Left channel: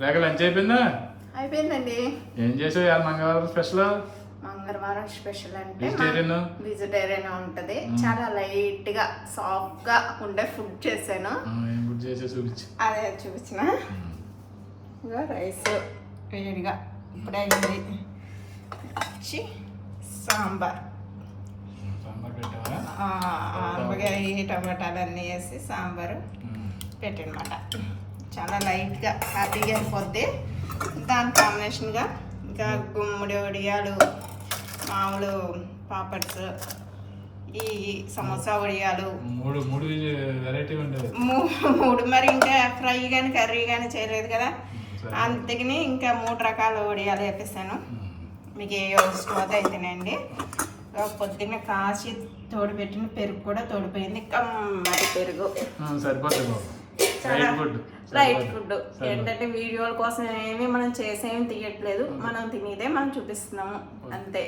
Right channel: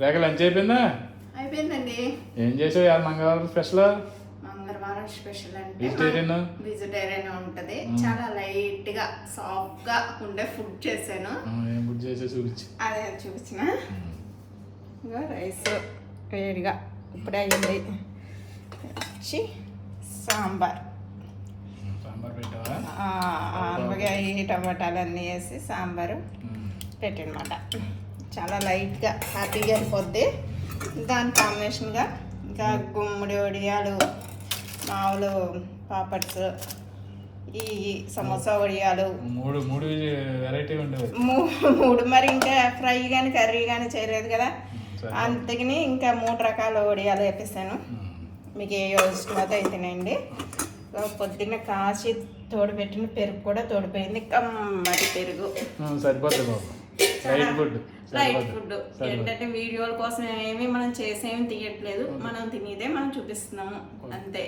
రేఖ lunch అయిపోయిందా? అయిపోయిందండి. ఏం చేసావు మంగళవారం స్పెషల్? మంగళవారం స్పెషల్ అంటే వెజిటేరియన్ ఉంటది. చాలా లైట్ గా సాఫ్ట్ గా ఉండే ఫుడ్ చేశాను. అదే చూపించిన. ఇంకా రైస్ వేడిగా ఇప్పుడే అయింది. వచ్చి సాంబార్ ఆనపకాయ టమాటాలు అన్నీ వేసి సాంబారు పెట్టనమాట. చాలా లైట్గా హ్యాపీగా అయిపోద్ది. దాని కాంబినేషన్గా ఇంకా గుమ్మడి వడియాలు, మామూలు పాపడ్స్, ఈ సమోసా వడియాలు మూడు వెరైటీ ఉండేది. మూడు మరి ఇంకా ఫ్రై కానీ కర్రీ కానీ చేయలేదు కదా, అందుకని ఇంకా 3 రకాల వడియాలు వేపిస్తాను. మీకు ఏ ఇష్టమైతే అయితేనండి. పొద్దున్న కాసి తోడు పెట్టిన పెరుగు కూడా తోడిపోయింది. కమ్మటి పెరుగు సరిపోతుంది. లైట్ ఫుడ్ ఏంటంటే వీడియోల కోసం ఏమీ మనం చేసేమి తీయట్లేదు. మనం తినేదే మనం చూపిస్తున్నాము అంతే.